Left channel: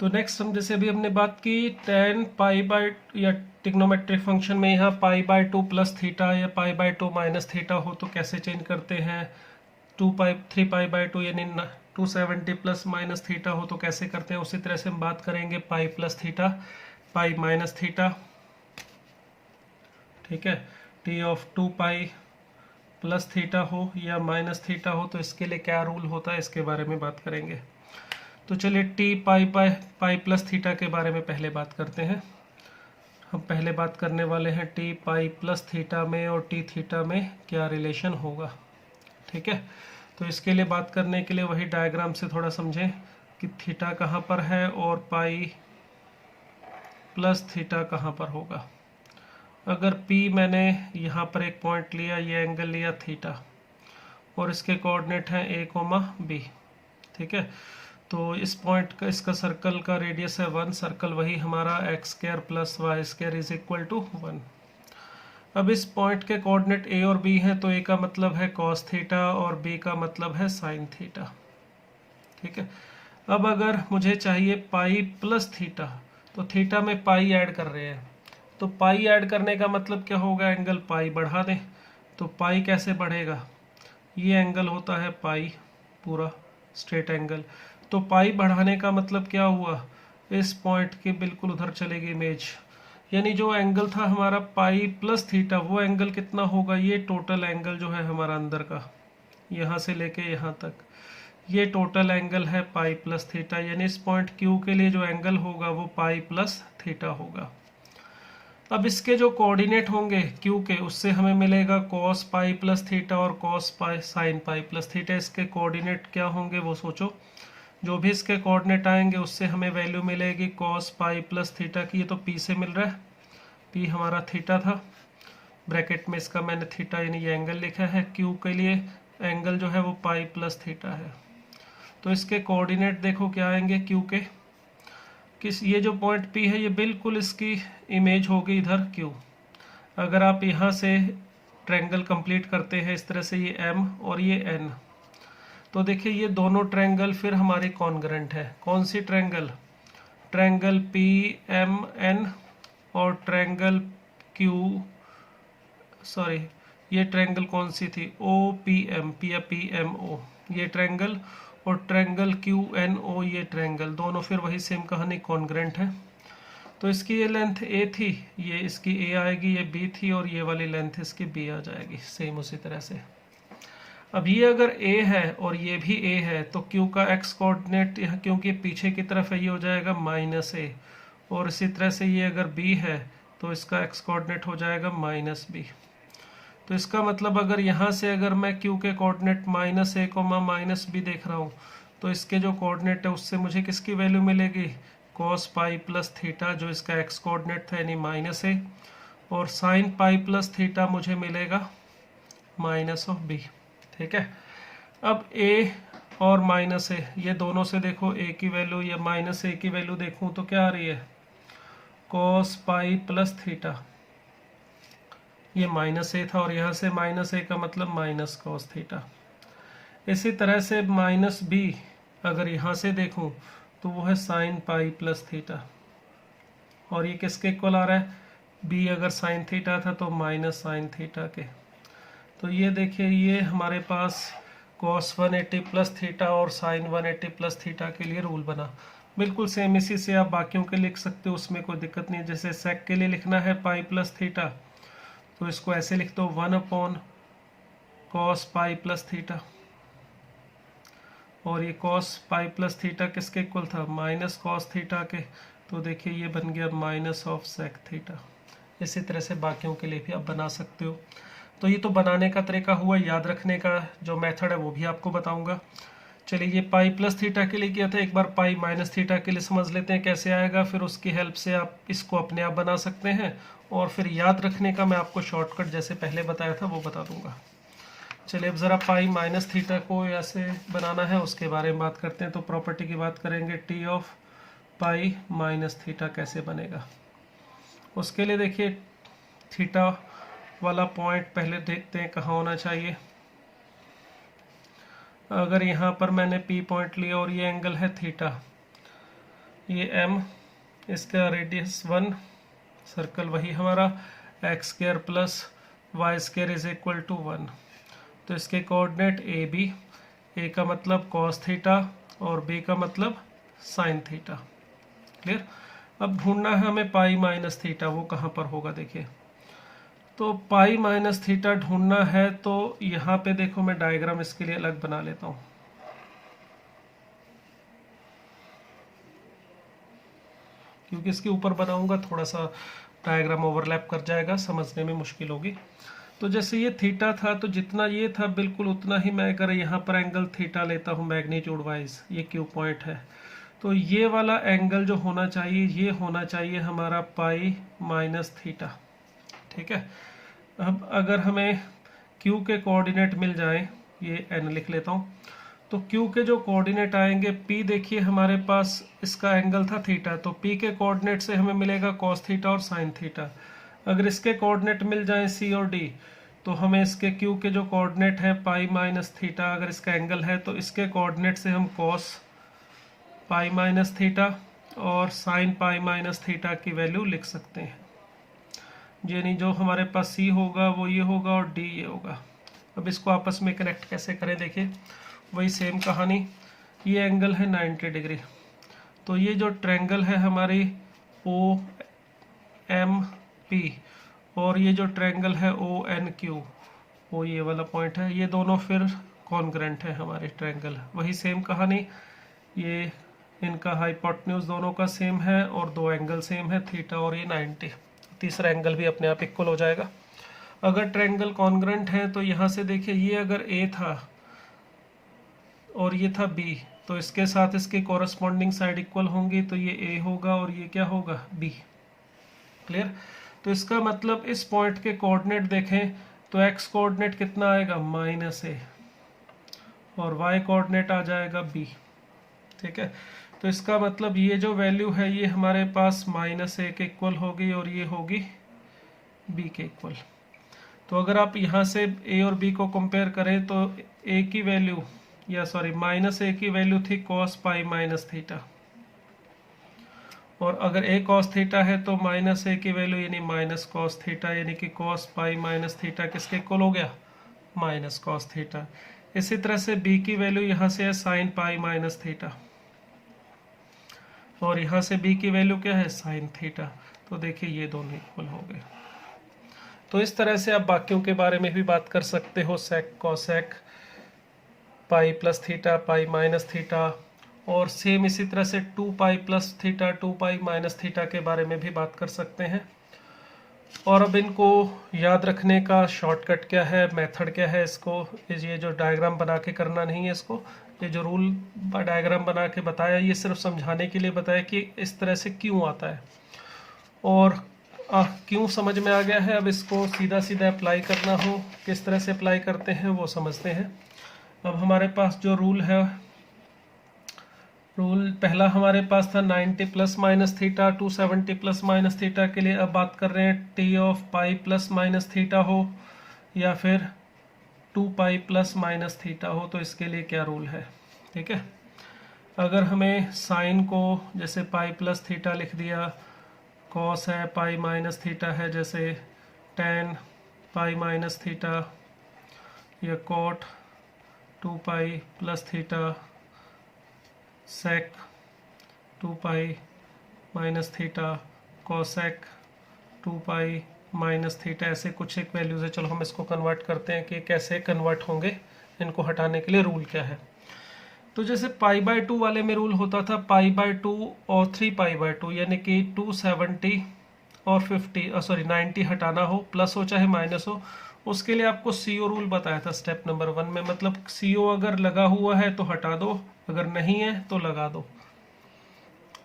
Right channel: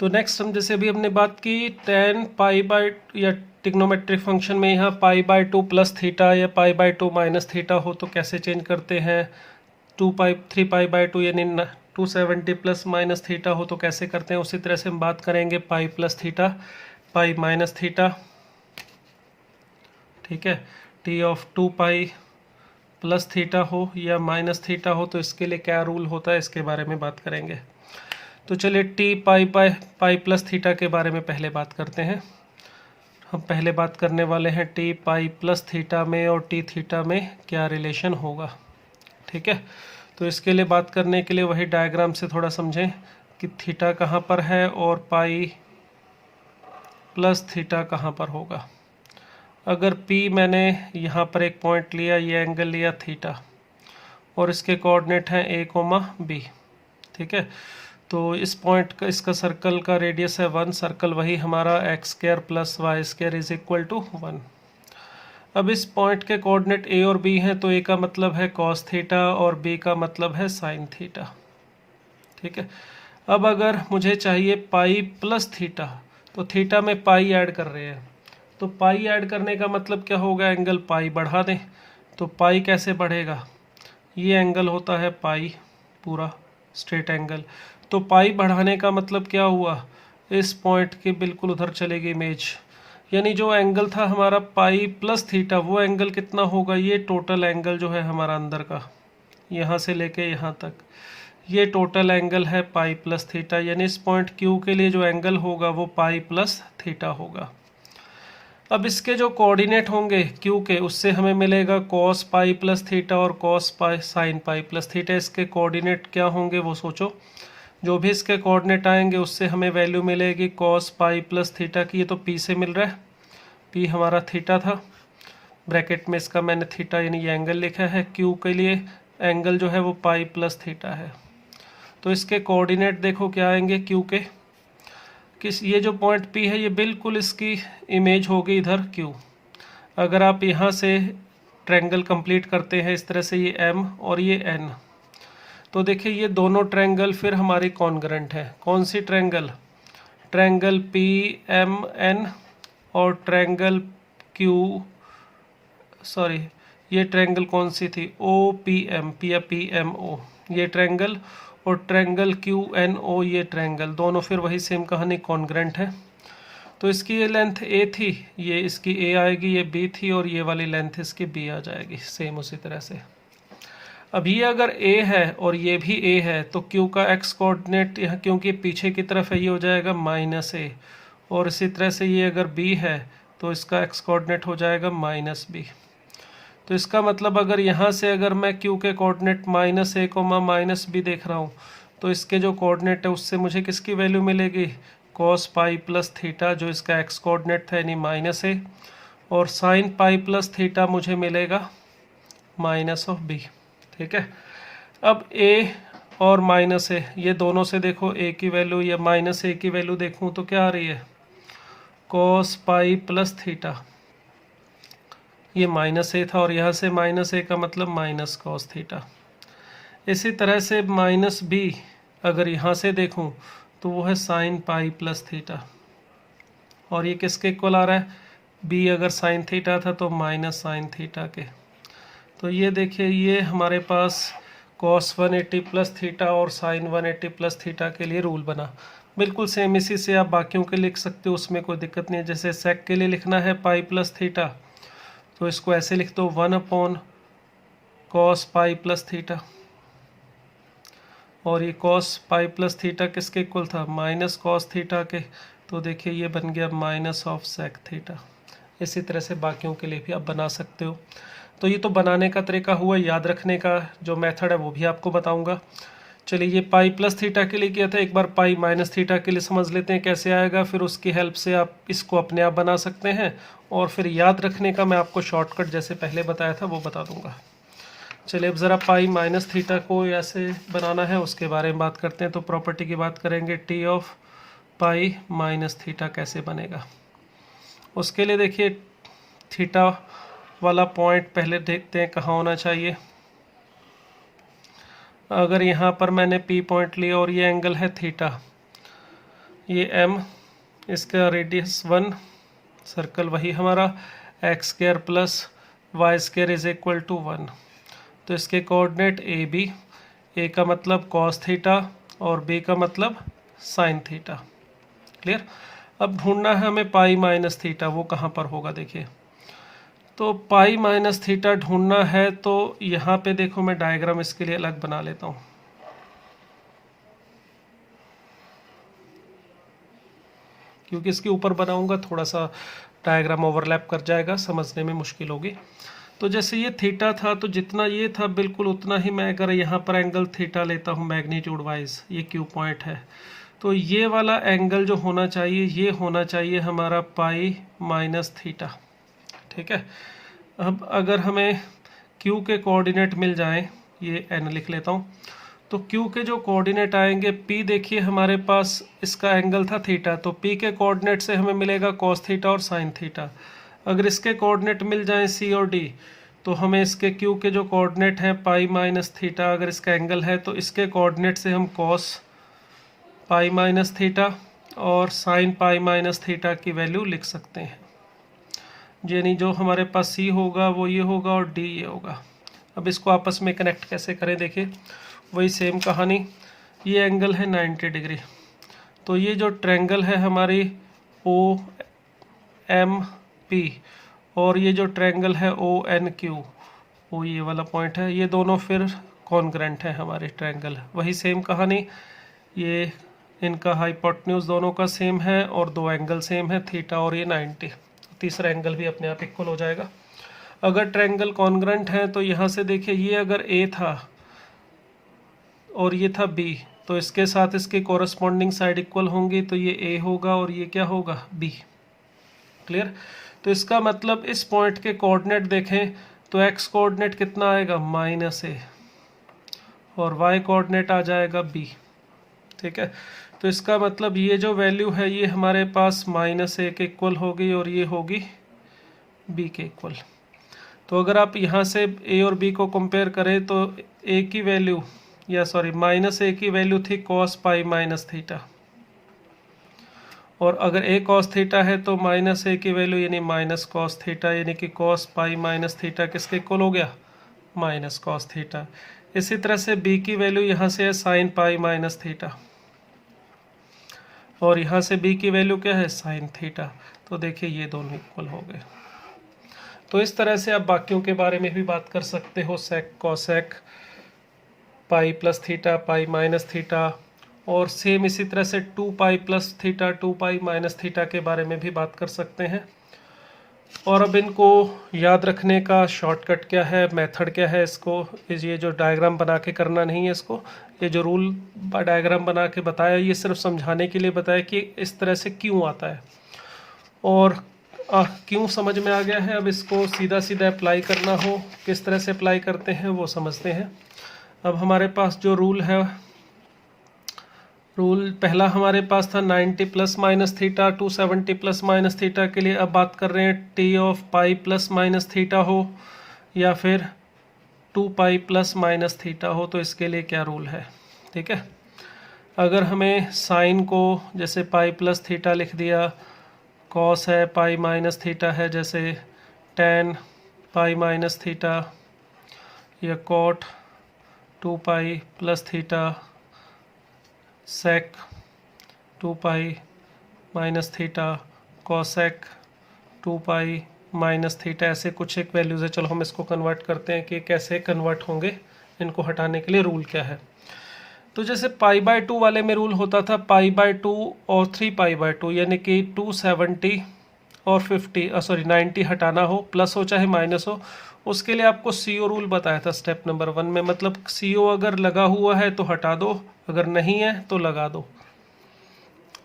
तो नेक्स्ट हम जैसे अभी हमने बात की tan पाई बाय या ट्रिग्नोमेट्रिक फंक्शन में यहाँ पाई बाय 2 प्लस थीटा या पाई बाय 2 माइनस थीटा हो तो कैसे चेंज करते हैं। 3 पाई बाय 2 यानी 270 प्लस माइनस थीटा हो तो कैसे करते हैं। उसी तरह से हम बात करेंगे पाई plus theta, pi minus theta, ठीक है। T of 2 pi plus theta हो या माइनस थीटा हो तो इसके लिए क्या रूल होता है, इसके बारे में बात करेंगे। तो चलिए टी पाई प्लस थीटा के बारे में पहले बात करते हैं। हम पहले बात करने वाले हैं टी पाई प्लस थीटा में और टी थीटा में क्या रिलेशन होगा, ठीक है। तो इसके लिए बात करने के लिए वही डायग्राम से थोड़ा समझें कि थीटा कहाँ पर है और पाई प्लस थीटा कहाँ पर होगा। अगर P मैंने यहाँ पर एक पॉइंट लिया, ये एंगल लिया थीटा और इसके कोऑर्डिनेट हैं A, B, ठीक है। तो इस पॉइंट का इसका सर्कल का रेडियस है 1, सर्कल वही हमारा x² plus Y square is equal to 1। अब इस पॉइंट के कोऑर्डिनेट A और B हैं तो A का मतलब है cos थीटा और B का मतलब है sin थीटा, ठीक है। अब अगर मुझे चाहिए पाई प्लस थीटा तो थीटा में पाई ऐड कर रहे हैं तो पाई ऐड करने का मतलब क्या होगा, एंगल पाई बढ़ा दें। तो पाई कैसे बढ़ेगा, ये एंगल होता है पाई पूरा स्ट्रेट एंगल। तो पाई बढ़ाने का मतलब क्या हुआ, इस पॉइंट के बिल्कुल उधर चलेगी इमेज, यानी जो एंगल था हमारा पाई प्लस थीटा वो एंगल कितना होगा, ये टोटल एंगल जो है हमारा अंदर का यहाँ से लेके यहाँ तक, ये टोटल एंगल है पाई प्लस थीटा। यानी इस पॉइंट क्यू के लिए जो एंगल होगा वो पाई प्लस थीटा होगा। अब इसके जो कोऑर्डिनेट होंगे क्यू के, उससे हमें मिलेगा cos पाई प्लस थीटा और cos pi sine pi plus theta. इसके कोऑर्डिनेट क्या होंगे वो सोचो, जो भी इसके कोऑर्डिनेट आएंगे उससे हमें वैल्यू मिलेगी cos पाई प्लस थीटा की। ये तो P से मिल रहा है, P हमारा थीटा था, ब्रैकेट में इसका मैंने थीटा यानी ये एंगल लिखा है। Q के लिए एंगल जो है वो पाई प्लस थीटा है। तो इसके कोऑर्डिनेट देखो क्या आएंगे Q के, किस ये जो पॉइंट P है ये बिल्कुल इसकी इमेज होगी इधर Q। अगर आप यहाँ से ट्रायंगल कंप्लीट करते हैं इस तरह से, ये M और ये N, तो देखिए ये दोनों ट्रायंगल फिर हमारी कॉन्ग्रुएंट है। कौन सी ट्रायंगल, ट्रायंगल PMN और ट्रायंगल ये ट्रायंगल कौन सी थी, OPM, P या PMO ये ट्रायंगल, और ट्रायंगल QNO ये ट्रायंगल, दोनों फिर वही सेम कहानी कॉन्ग्रुएंट है। तो इसकी ये लेंथ A थी, ये इसकी A आएगी, ये B थी और ये वाली लेंथ इसकी B आ जाएगी, सेम उसी तरह से। अब ये अगर A है और ये भी A है तो Q का x कोऑर्डिनेट यहाँ क्योंकि पीछे की तरफ है ये हो जाएगा -A, और इसी तरह से ये अगर B है तो इसका x कोऑर्डिनेट हो जाएगा -B। तो इसका मतलब अगर यहाँ से अगर मैं Q के कोऑर्डिनेट -A, -B देख रहा हूँ तो इसके जो कोऑर्डिनेट है उससे मुझे किसकी वैल्यू मिलेगी, cos पाई प्लस थीटा जो इसका x कोऑर्डिनेट था यानी -A, और sin पाई प्लस थीटा मुझे मिलेगा -B, ठीक है। अब A और -A ये दोनों से देखो A की वैल्यू या -A की वैल्यू देखूँ तो क्या आ रही है, cos पाई प्लस थीटा, ये -A था और यहाँ से -A का मतलब माइनस cos थीटा। इसी तरह से -B अगर यहाँ से देखूँ तो वो है sin पाई प्लस थीटा, और ये किसके इक्वल आ रहा है, B अगर sin थीटा था तो माइनस sin थीटा के। तो ये देखिए ये हमारे पास cos 180 प्लस थीटा और sin 180 प्लस थीटा के लिए रूल बना। बिल्कुल सेम इसी से आप बाकियों के लिख सकते हो, उसमें कोई दिक्कत नहीं है। जैसे sec के लिए लिखना है पाई प्लस थीटा तो इसको ऐसे लिख दो 1/cos पाई प्लस थीटा, और ये cos पाई प्लस थीटा किसके इक्वल था, माइनस cos थीटा के, तो देखिए ये बन गया -sec थीटा। इसी तरह से बाकियों के लिए भी आप बना सकते हो। तो ये तो बनाने का तरीका हुआ, याद रखने का जो मेथड है वो भी आपको बताऊंगा। चलिए ये पाई प्लस थीटा के लिए किया था, एक बार पाई माइनस थीटा के लिए समझ लेते हैं कैसे आएगा, फिर उसकी हेल्प से आप इसको अपने आप बना सकते हैं, और फिर याद रखने का मैं आपको शॉर्टकट जैसे पहले बताया था वो बता दूंगा। चलिए अब ज़रा पाई माइनस थीटा को ऐसे बनाना है उसके बारे में बात करते हैं। तो प्रॉपर्टी की बात करेंगे, T of pi minus theta कैसे बनेगा। उसके लिए देखिए थीटा वाला पॉइंट पहले देखते हैं कहाँ होना चाहिए। अगर यहाँ पर मैंने P पॉइंट लिया और ये एंगल है थीटा, ये m, इसका रेडियस 1, सर्कल वही हमारा X square plus Y square is equal to 1। तो इसके कोऑर्डिनेट ए बी, ए का मतलब कॉस थीटा और बी का मतलब साइन थीटा। क्लियर। अब ढूंढना है हमें पाई माइनस थीटा, वो कहाँ पर होगा देखिए। तो पाई माइनस थीटा ढूंढना है तो यहाँ पे देखो मैं डायग्राम इसके लिए अलग बना लेता हूँ। क्योंकि इसके ऊपर बनाऊंगा थोड़ा सा डायग्राम ओवरलैप कर जाएगा, समझने में मुश्किल होगी। तो जैसे ये थीटा था तो जितना ये था बिल्कुल उतना ही मैं अगर यहाँ पर एंगल थीटा लेता हूँ मैग्नीट्यूड वाइज, ये क्यू पॉइंट है, तो ये वाला एंगल जो होना चाहिए ये होना चाहिए हमारा पाई माइनस थीटा। ठीक है। अब अगर हमें क्यू के कोऑर्डिनेट मिल जाए, ये एन लिख लेता हूँ, तो क्यू के जो कोऑर्डिनेट आएंगे पी, देखिए हमारे पास इसका एंगल था थीटा, तो पी के कोऑर्डिनेट से हमें मिलेगा कॉस थीटा और साइन थीटा। अगर इसके कोऑर्डिनेट मिल जाएं सी और डी, तो हमें इसके क्यू के जो कोऑर्डिनेट हैं पाई माइनस थीटा, अगर इसका एंगल है तो इसके कोऑर्डिनेट से हम कॉस पाई माइनस थीटा और साइन पाई माइनस थीटा की वैल्यू लिख सकते हैं। यानी जो हमारे पास सी होगा वो ये होगा और डी ये होगा। अब इसको आपस में कनेक्ट कैसे करें, देखिए वही सेम कहानी। ये एंगल है 90 डिग्री, तो ये जो ट्रायंगल है हमारी ओ एम पी और ये जो ट्रायंगल है ओ एन क्यू, वो ये वाला पॉइंट है, ये दोनों फिर कॉन्ग्रेंट है हमारे ट्रायंगल। वही सेम कहानी, ये इनका हाइपोटेन्यूज दोनों का सेम है और दो एंगल सेम है, थीटा और ये 90। तीसरा एंगल भी अपने आप इक्वल हो जाएगा। अगर ट्रायंगल कॉन्ग्रेंट है तो यहाँ से देखिए ये अगर ए था और ये था बी, तो इसके साथ इसकी कोरस्पॉन्डिंग साइड इक्वल होंगी, तो ये ए होगा और ये क्या होगा बी। क्लियर। तो इसका मतलब इस पॉइंट के कोऑर्डिनेट देखें तो एक्स कोऑर्डिनेट कितना आएगा माइनस ए और वाई कोऑर्डिनेट आ जाएगा बी। ठीक है। तो इसका मतलब ये जो वैल्यू है ये हमारे पास माइनस ए के इक्वल होगी और ये होगी बी के इक्वल। तो अगर आप यहाँ से ए और बी को कंपेयर करें तो ए की वैल्यू या सॉरी माइनस ए की वैल्यू थी कॉस पाई माइनस थीटा, और अगर ए कॉस थीटा है तो माइनस ए की वैल्यू यानी माइनस कॉस थीटा, यानी कि कॉस पाई माइनस थीटा किसके इक्वल हो गया माइनस कॉस थीटा। इसी तरह से बी की वैल्यू यहाँ से है साइन पाई माइनस थीटा और यहाँ से बी की वैल्यू क्या है साइन थीटा। तो देखिए ये दोनों इक्वल हो गए। तो इस तरह से आप बाकियों के बारे में भी बात कर सकते हो, sec cosec pi plus theta pi minus theta, और सेम इसी तरह से 2 pi plus theta 2 pi minus theta के बारे में भी बात कर सकते हैं। और अब इनको याद रखने का शॉर्टकट क्या है, मेथड क्या है, इसको ये जो डायग्राम बना के करना नहीं है, इसको ये जो रूल डायग्राम बना के बताया ये सिर्फ समझाने के लिए बताया कि इस तरह से क्यों आता है, और क्यों समझ में आ गया है। अब इसको सीधा सीधा अप्लाई करना हो, किस तरह से अप्लाई करते हैं वो समझते हैं। अब हमारे पास जो रूल है, रूल पहला हमारे पास था 90 plus minus theta 270 plus minus theta के लिए। अब बात कर रहे हैं T of pi plus minus theta हो या फिर 2 पाई प्लस माइनस थीटा हो, तो इसके लिए क्या रूल है। ठीक है। अगर हमें साइन को जैसे पाई प्लस थीटा लिख दिया, कॉस है पाई माइनस थीटा है जैसे tan पाई माइनस थीटा, या कॉट 2 पाई प्लस थीटा, सेक 2 pi minus theta, cosec 2 pi minus theta, ऐसे कुछ एक वैल्यूज है। चलो हम इसको कन्वर्ट करते हैं कि कैसे कन्वर्ट होंगे, इनको हटाने के लिए रूल क्या है। तो जैसे पाई बाय 2 वाले में रूल होता था पाई बाय 2 और 3 पाई बाय 2, यानी कि 270 और 90 हटाना हो, प्लस हो चाहे माइनस हो, उसके लिए आपको CO रूल बताया था स्टेप नंबर 1 में। मतलब CO अगर लगा हुआ है तो हटा दो, अगर नहीं है तो लगा दो,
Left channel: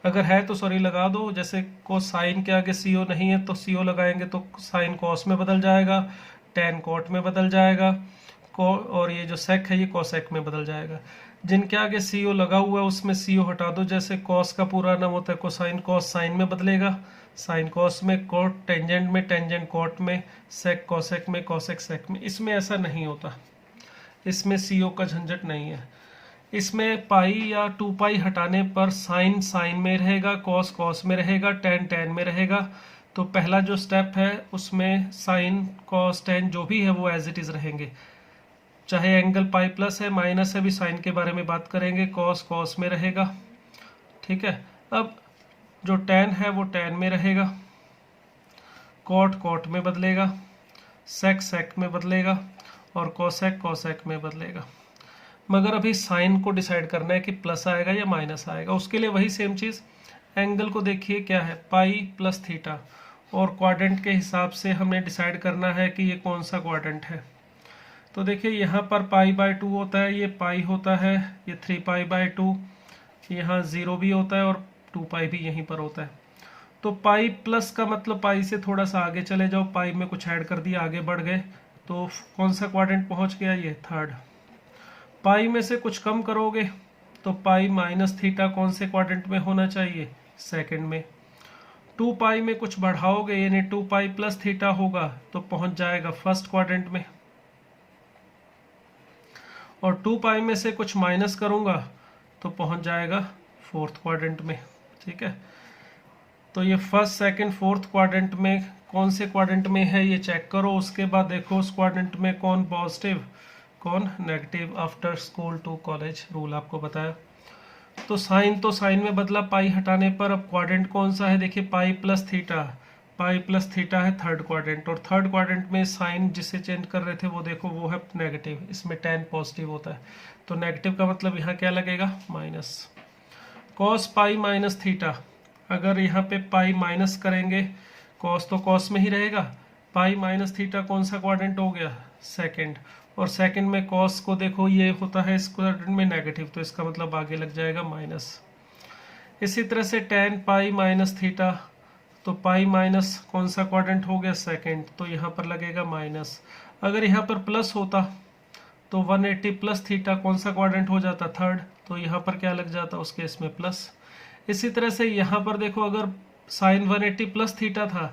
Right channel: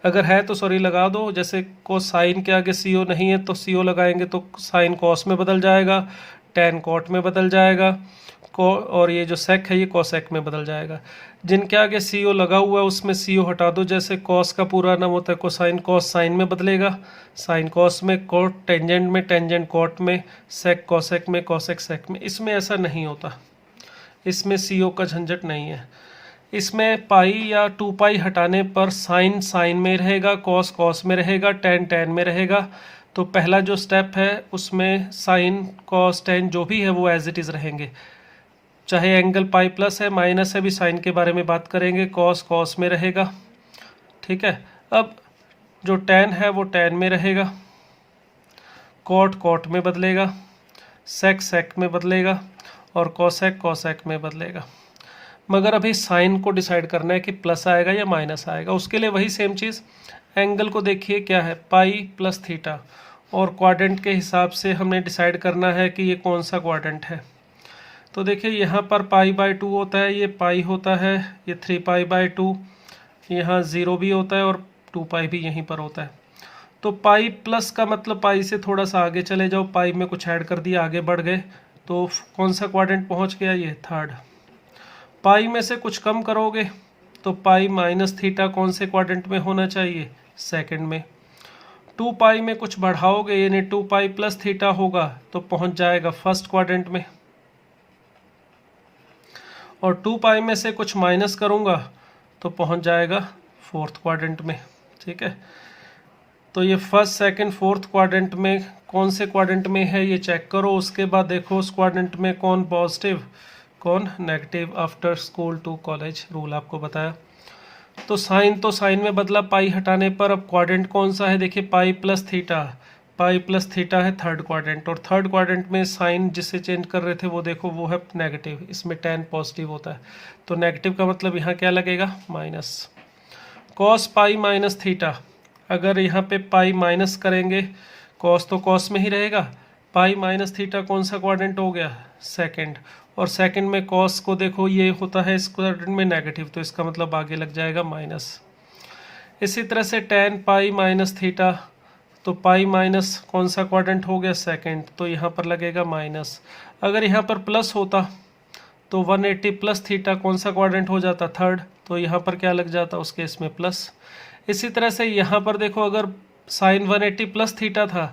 अगर है तो सॉरी लगा दो। जैसे कोसाइन के आगे CO नहीं है तो CO लगाएंगे तो साइन कॉस में बदल जाएगा, tan कॉट में बदल जाएगा, और ये जो सेक है ये कोसेक में बदल जाएगा। जिनके आगे CO लगा हुआ है उसमें CO हटा दो। जैसे कॉस का पूरा नाम होता है कोसाइन, कॉस साइन में बदलेगा, साइन कॉस में, कॉट टेंजेंट में, टेंजेंट कॉट में, सेक कॉसेक में, कॉसेक सेक में। इसमें ऐसा नहीं होता, इसमें CO का झंझट नहीं है। इसमें पाई या 2 पाई हटाने पर साइन साइन में रहेगा, कॉस कॉस में रहेगा, टेन टेन में रहेगा। तो पहला जो स्टेप है उसमें साइन कॉस टेन जो भी है वो एज इट इज़ रहेंगे, चाहे एंगल पाई प्लस है माइनस है, भी साइन के बारे में बात करेंगे, कॉस कॉस में रहेगा। ठीक है, अब जो टेन है वो टेन में रहेगा, कॉट कॉट में बदलेगा, सेक सेक में बदलेगा और कॉसेक कॉसेक में बदलेगा। मगर अभी साइन को डिसाइड करना है कि प्लस आएगा या माइनस आएगा। उसके लिए वही सेम चीज़, एंगल को देखिए क्या है, पाई प्लस थीटा, और क्वाड्रेंट के हिसाब से हमने डिसाइड करना है कि ये कौन सा क्वाड्रेंट है। तो देखिए यहाँ पर पाई बाय 2 होता है, ये पाई होता है, ये 3 पाई बाय 2, यहाँ 0 भी होता है और 2 पाई भी यहीं पर होता है। तो पाई प्लस का मतलब पाई से थोड़ा सा आगे चले जाओ, पाई में कुछ ऐड कर दिया, आगे बढ़ गए, तो कौन सा क्वाड्रेंट पहुँच गया, ये थर्ड। पाई में से कुछ कम करोगे तो पाई माइनस थीटा कौन से क्वाड्रेंट में होना चाहिए, सेकंड में। 2 पाई में कुछ बढ़ाओगे यानी 2 पाई प्लस थीटा होगा तो पहुंच जाएगा फर्स्ट क्वाड्रेंट में, और 2 पाई में से कुछ माइनस करूंगा तो पहुंच जाएगा फोर्थ क्वाड्रेंट में। ठीक है, तो ये फर्स्ट सेकंड फोर्थ क्वाड्रेंट में कौन से क्वाड्रेंट में है ये चेक करो। उसके बाद देखो उस क्वाड्रेंट में कौन पॉजिटिव कौन negative, after school to college rule आपको बताया। तो साइन में बदला पाई हटाने पर। अब क्वाड्रेंट कौन सा है, देखिए पाई प्लस थीटा, पाई प्लस थीटा है थर्ड क्वाड्रेंट, और थर्ड क्वाड्रेंट में साइन जिससे चेंज कर रहे थे वो देखो वो है नेगेटिव, इसमें टेन पॉजिटिव होता है, तो नेगेटिव का मतलब यहाँ क्या लगेगा, minus. Cos pi minus theta, अगर यहाँ पे पाई माइनस करेंगे, कॉस तो कॉस में ही रहेगा, पाई माइनस थीटा कौन सा क्वाड्रेंट हो गया, सेकंड, और सेकंड में कॉस को देखो ये होता है इस क्वाड्रेंट में नेगेटिव, तो इसका मतलब आगे लग जाएगा माइनस। इसी तरह से टेन पाई माइनस थीटा, तो पाई माइनस कौन सा क्वाड्रेंट हो गया, सेकंड, तो यहाँ पर लगेगा माइनस। अगर यहाँ पर प्लस होता तो 180 प्लस थीटा कौन सा क्वाड्रेंट हो जाता, थर्ड, तो यहाँ पर क्या लग जाता उस केस में प्लस। इसी तरह से यहाँ पर देखो अगर साइन 180 प्लस थीटा था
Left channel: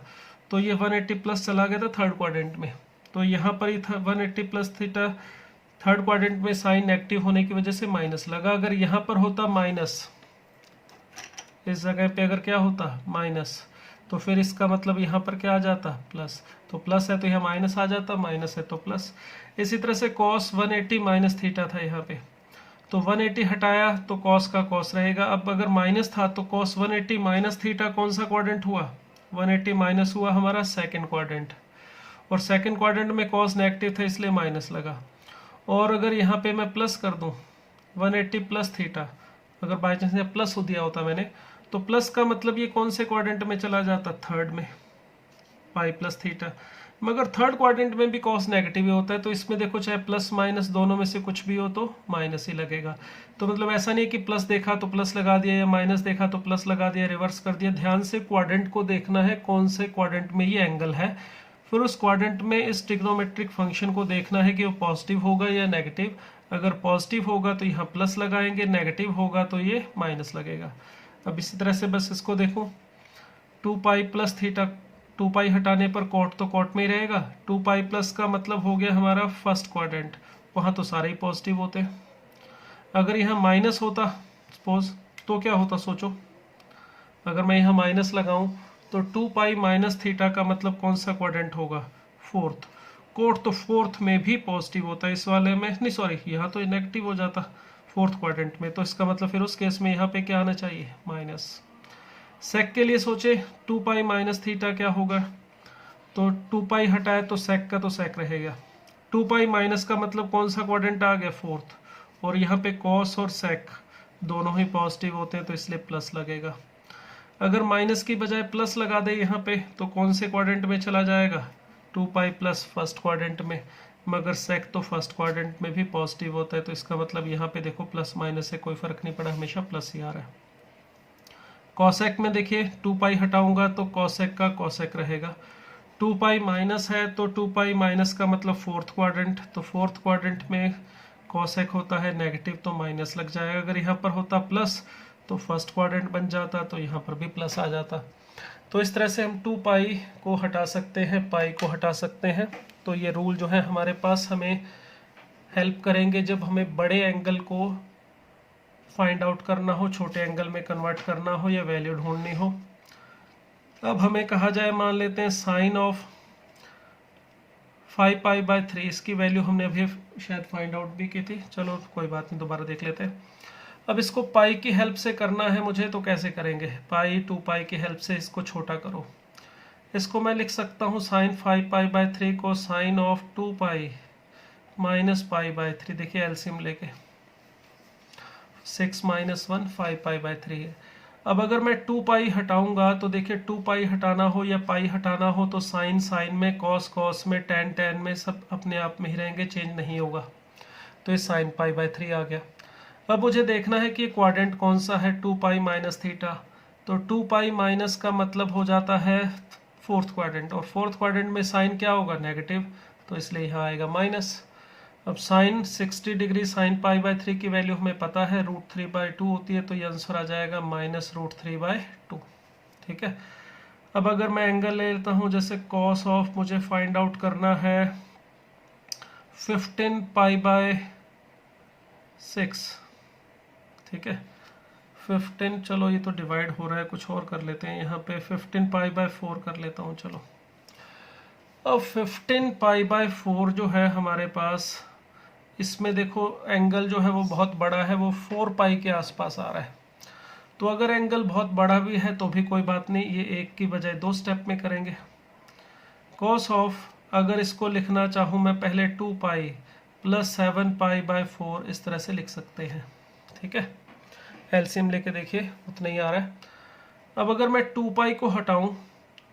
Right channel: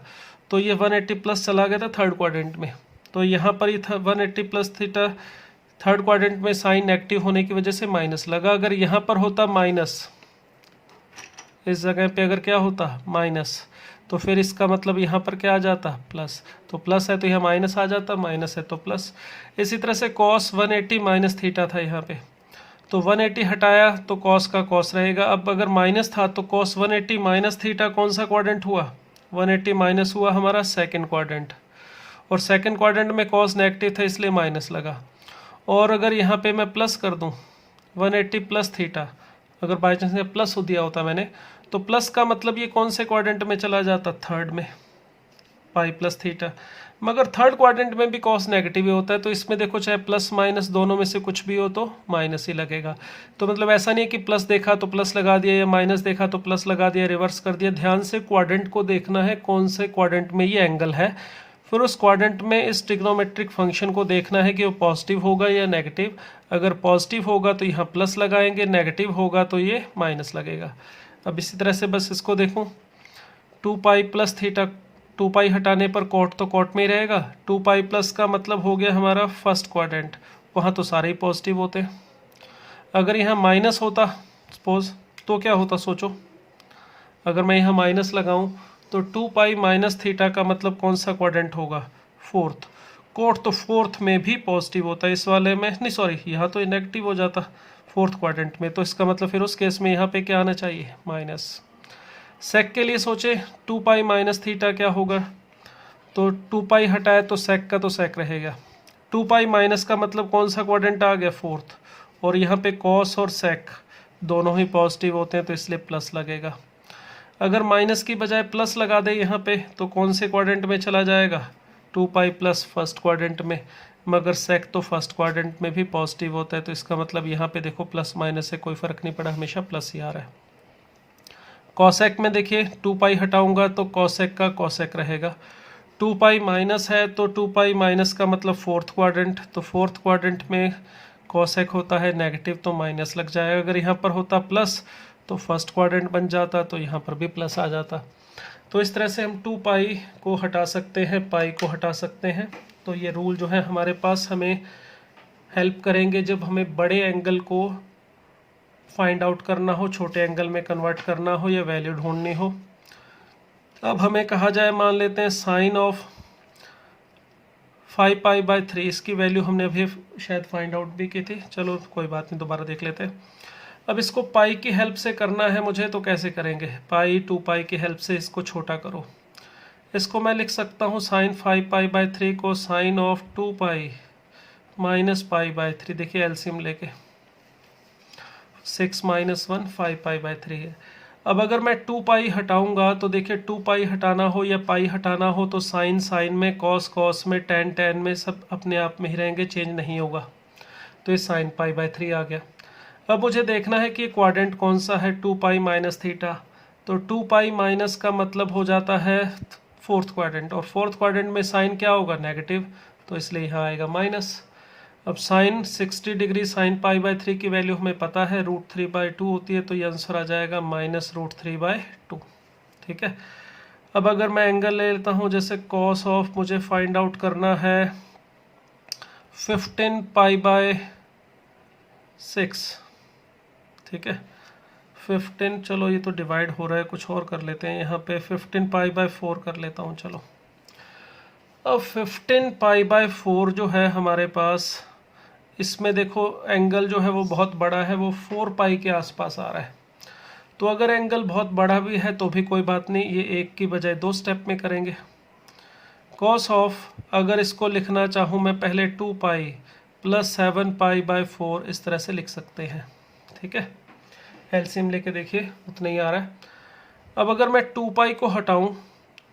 तो ये 180 प्लस चला गया था थर्ड क्वाड्रेंट में, तो यहाँ पर ये 180 प्लस थीटा थर्ड क्वाड्रेंट में साइन नेगेटिव होने की वजह से माइनस लगा। अगर यहाँ पर होता माइनस, इस जगह पे अगर क्या होता माइनस, तो फिर इसका मतलब यहाँ पर क्या आ जाता, प्लस, तो प्लस है तो यहाँ माइनस आ जाता, माइनस है तो प्लस। इसी तरह से कॉस 180 माइनस थीटा था यहाँ पे, तो 180 हटाया तो कॉस का कॉस रहेगा। अब अगर माइनस था तो कॉस 180 माइनस थीटा कौन सा क्वाड्रेंट हुआ, 180 माइनस हुआ हमारा सेकंड क्वाड्रेंट, और सेकंड क्वाड्रेंट में कॉस नेगेटिव था इसलिए माइनस लगा। और अगर यहाँ पे मैं प्लस कर दूँ 180 प्लस थीटा, अगर बाई चांस यहाँ प्लस हो दिया होता मैंने, तो प्लस का मतलब ये कौन से क्वाड्रेंट में चला जाता, थर्ड में, पाई प्लस थीटा। मगर थर्ड क्वाड्रेंट में भी कॉस नेगेटिव ही होता है, तो इसमें देखो चाहे प्लस माइनस दोनों में से कुछ भी हो तो माइनस ही लगेगा। तो मतलब ऐसा नहीं है कि प्लस देखा तो प्लस लगा दिया या माइनस देखा तो प्लस लगा दिया, रिवर्स कर दिया। ध्यान से क्वाड्रेंट को देखना है कौन से क्वाड्रेंट में ये एंगल है, फिर उस क्वाड्रेंट में इस ट्रिग्नोमेट्रिक फंक्शन को देखना है कि वो पॉजिटिव होगा या नेगेटिव। अगर पॉजिटिव होगा तो यहाँ प्लस लगाएंगे, नेगेटिव होगा तो ये माइनस लगेगा। अब इसी तरह से बस इसको देखूँ, 2 पाई प्लस थीटा, 2 पाई हटाने पर कॉट तो कॉट में ही रहेगा, 2 पाई प्लस का मतलब हो गया हमारा फर्स्ट क्वाड्रेंट, वहाँ तो सारे ही पॉजिटिव होते। अगर यहाँ माइनस होता सपोज तो क्या होता सोचो, अगर मैं यहाँ माइनस लगाऊं तो 2 पाई माइनस थीटा का मतलब कौन सा क्वाड्रेंट होगा, फोर्थ। कॉट तो फोर्थ में भी पॉजिटिव होता है, इस वाले में नहीं, सॉरी यहाँ तो नेगेटिव हो जाता फोर्थ क्वाड्रेंट में, तो इसका मतलब फिर उस केस में यहाँ पे क्या आना चाहिए, माइनस। सेक के लिए सोचे 2 पाई माइनस थीटा क्या होगा, तो 2 पाई हटाए तो सेक का तो सेक रहेगा। 2 पाई माइनस का मतलब कौन सा क्वाड्रेंट आ गया, फोर्थ, और यहाँ पे कॉस और सेक दोनों ही पॉजिटिव होते हैं तो इसलिए प्लस लगेगा। अगर माइनस की बजाय प्लस लगा दे यहाँ पे तो कौन से क्वाड्रेंट में चला जाएगा, 2 पाई प्लस फर्स्ट क्वाड्रेंट में, मगर सेक तो फर्स्ट क्वाड्रेंट में भी पॉजिटिव होता है, तो इसका मतलब यहाँ पे देखो प्लस माइनस से कोई फर्क नहीं पड़ा, हमेशा प्लस ही आ रहा है। कॉसेक में देखिए 2 पाई हटाऊंगा तो कॉसेक का कॉसेक रहेगा, 2 पाई माइनस है तो 2 पाई माइनस का मतलब फोर्थ क्वाड्रेंट, तो फोर्थ क्वाड्रेंट में कॉसेक होता है नेगेटिव तो माइनस लग जाएगा। अगर यहाँ पर होता प्लस तो फर्स्ट क्वाड्रेंट बन जाता, तो यहाँ पर भी प्लस आ जाता। तो इस तरह से हम 2 पाई को हटा सकते हैं, पाई को हटा सकते हैं। तो ये रूल जो है हमारे पास हमें हेल्प करेंगे जब हमें बड़े एंगल को फाइंड आउट करना हो, छोटे एंगल में कन्वर्ट करना हो या वैल्यू ढूंढनी हो। अब हमें कहा जाए, मान लेते हैं साइन ऑफ 5π/3, इसकी वैल्यू हमने अभी शायद फाइंड आउट भी की थी, चलो कोई बात नहीं, दोबारा देख लेते हैं। अब इसको पाई की हेल्प से करना है मुझे, तो कैसे करेंगे? पाई 2π की हेल्प से इसको छोटा करो। इसको मैं लिख सकता हूँ साइन 5π/3 को साइन ऑफ 2π माइनस π/3। देखिए एलसीएम लेके 6 - 1 5π/3 है। अब अगर मैं 2π हटाऊंगा तो देखिए 2π हटाना हो या पाई हटाना हो तो साइन साइन में, कॉस कॉस में, टेन टेन में, सब अपने आप में ही रहेंगे, चेंज नहीं होगा। तो ये साइन π/3 आ गया। अब मुझे देखना है कि क्वाड्रेंट कौन सा है, 2π माइनस थीटा। तो 2π माइनस का मतलब हो जाता है फोर्थ क्वाड्रेंट, और फोर्थ क्वाड्रेंट में साइन क्या होगा? नेगेटिव, तो इसलिए यहाँ आएगा माइनस। अब साइन 60 डिग्री साइन π/3 की वैल्यू हमें पता है √3/2 होती है, तो ये आंसर आ जाएगा -√3/2। ठीक है। अब अगर मैं एंगल ले लेता हूँ, जैसे कॉस ऑफ मुझे फाइंड आउट करना है 15π/6। ठीक है, 15, चलो ये तो डिवाइड हो रहा है, कुछ और कर लेते हैं यहाँ पे, 15π/4 कर लेता हूँ। चलो अब 15π/4 जो है हमारे पास, इसमें देखो एंगल जो है वो बहुत बड़ा है, वो 4π के आसपास आ रहा है। तो अगर एंगल बहुत बड़ा भी है तो भी कोई बात नहीं, ये एक की बजाय 2 स्टेप में करेंगे। कॉस ऑफ, अगर इसको लिखना चाहूँ मैं, पहले 2π + 7π/4 इस तरह से लिख सकते हैं। ठीक है, एलसीएम लेके देखिए उतना ही आ रहा है। अब अगर मैं 2π को हटाऊं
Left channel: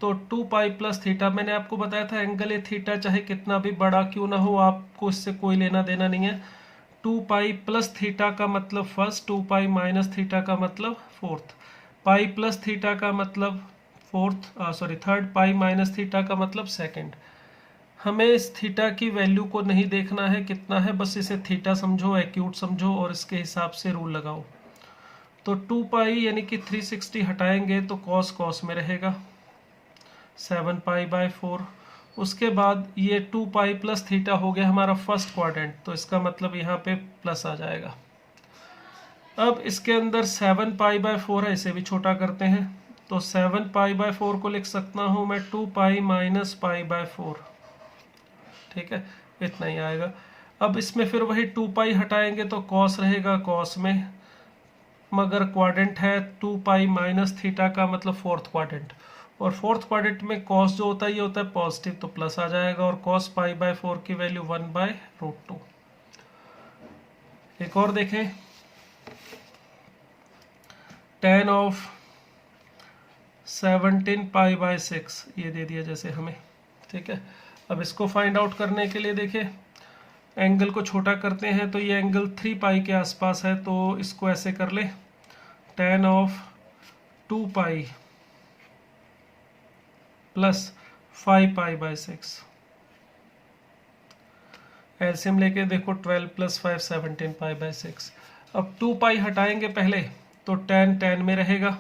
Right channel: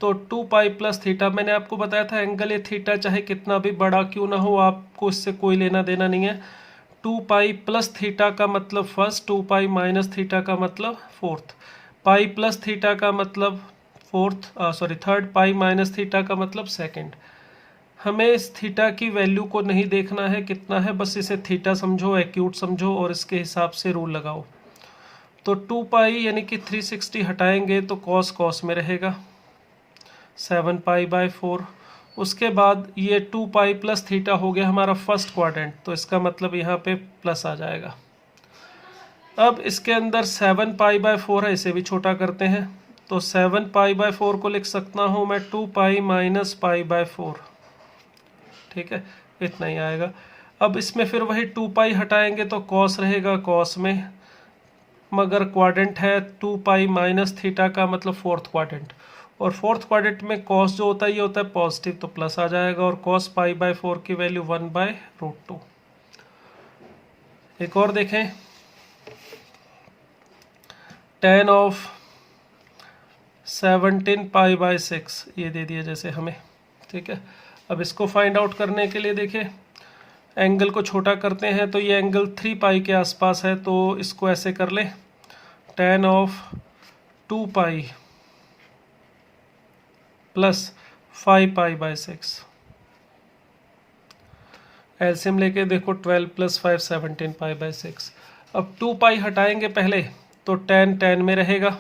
तो 2π + थीटा, मैंने आपको बताया था एंगल ये थीटा चाहे कितना भी बड़ा क्यों ना हो, आपको इससे कोई लेना देना नहीं है। 2π + थीटा का मतलब फर्स्ट, 2π माइनस थीटा का मतलब फोर्थ, पाई प्लस थीटा का मतलब थर्ड, पाई माइनस थीटा का मतलब सेकंड। हमें इस थीटा की वैल्यू को नहीं देखना है कितना है, बस इसे थीटा समझो, एक्यूट समझो और इसके हिसाब से रूल लगाओ। तो 2π यानी कि 360 हटाएंगे तो कॉस कॉस में रहेगा 7π/4। उसके बाद ये 2π + थीटा हो गया हमारा फर्स्ट क्वाड्रेंट, तो इसका मतलब यहाँ पे प्लस आ जाएगा। अब इसके अंदर 7π/4 है, इसे भी छोटा करते हैं। तो 7π/4 को लिख सकता हूँ मैं 2π - π/4। ठीक है, इतना ही आएगा। अब इसमें फिर वही 2π हटाएंगे तो कॉस रहेगा कॉस में, मगर क्वाड्रेंट है 2π - थीटा का मतलब फोर्थ क्वाड्रेंट, और फोर्थ क्वाड्रेंट में कॉस जो होता है ये होता है पॉजिटिव, तो प्लस आ जाएगा, और cos π/4 की वैल्यू 1/√2। एक और देखें, tan ऑफ 17π/6 ये दे दिया जैसे हमें। ठीक है, अब इसको फाइंड आउट करने के लिए देखिए एंगल को छोटा करते हैं, तो ये एंगल 3π के आसपास है, तो इसको ऐसे कर ले, tan ऑफ 2π + 5π/6। एलसीएम लेके देखो 12 + 5 17π/6। अब 2π हटाएंगे पहले तो tan tan में रहेगा,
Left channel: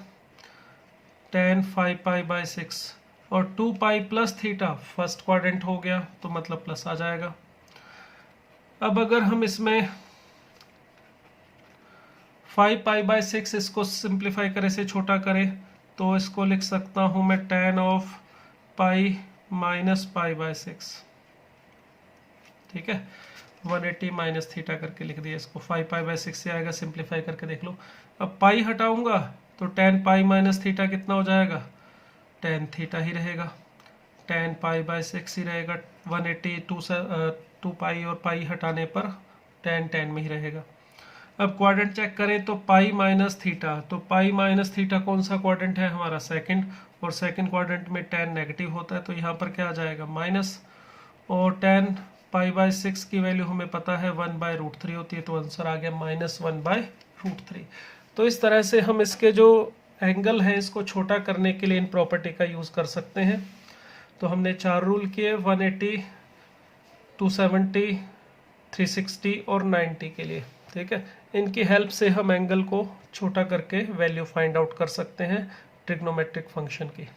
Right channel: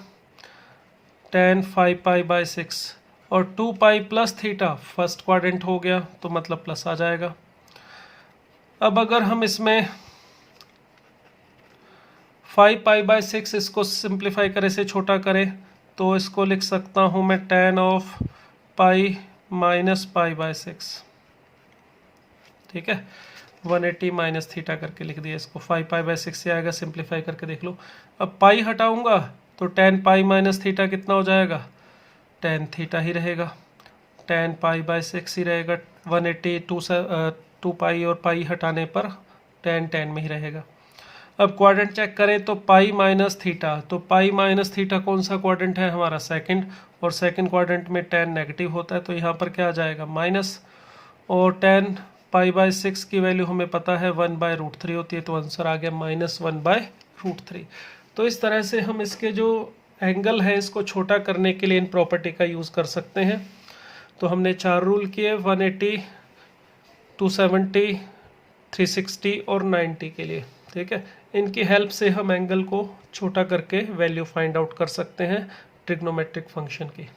tan 5π/6, और 2π + थीटा फर्स्ट क्वाड्रेंट हो गया तो मतलब प्लस आ जाएगा। अब अगर हम इसमें 5π/6 इसको सिंप्लीफाई करें, से छोटा करें, तो इसको लिख सकता हूँ मैं tan ऑफ पाई - π/6। ठीक है, 180 माइनस थीटा करके लिख दिया इसको, 5π/6 से आएगा, सिंप्लीफाई करके देख लो। अब पाई हटाऊंगा तो tan π - थीटा कितना हो जाएगा? tan थीटा ही रहेगा, tan π/6 ही रहेगा। 180 2π और पाई हटाने पर tan tan में ही रहेगा। अब क्वाड्रेंट चेक करें तो पाई - थीटा, तो पाई - थीटा कौन सा क्वाड्रेंट है? हमारा सेकंड, और सेकंड क्वाड्रेंट में tan नेगेटिव होता है, तो यहाँ पर क्या आ जाएगा? माइनस, और tan π/6 की वैल्यू हमें पता है 1/√3 होती है, तो आंसर आ गया -1/√3। तो इस तरह से हम इसके जो एंगल है इसको छोटा करने के लिए इन प्रॉपर्टी का यूज़ कर सकते हैं। तो हमने 4 रूल किए, 180, 270, 360 और 90 के लिए। ठीक है, इनकी हेल्प से हम एंगल को छोटा करके वैल्यू फाइंड आउट कर सकते हैं ट्रिग्नोमेट्रिक फंक्शन की।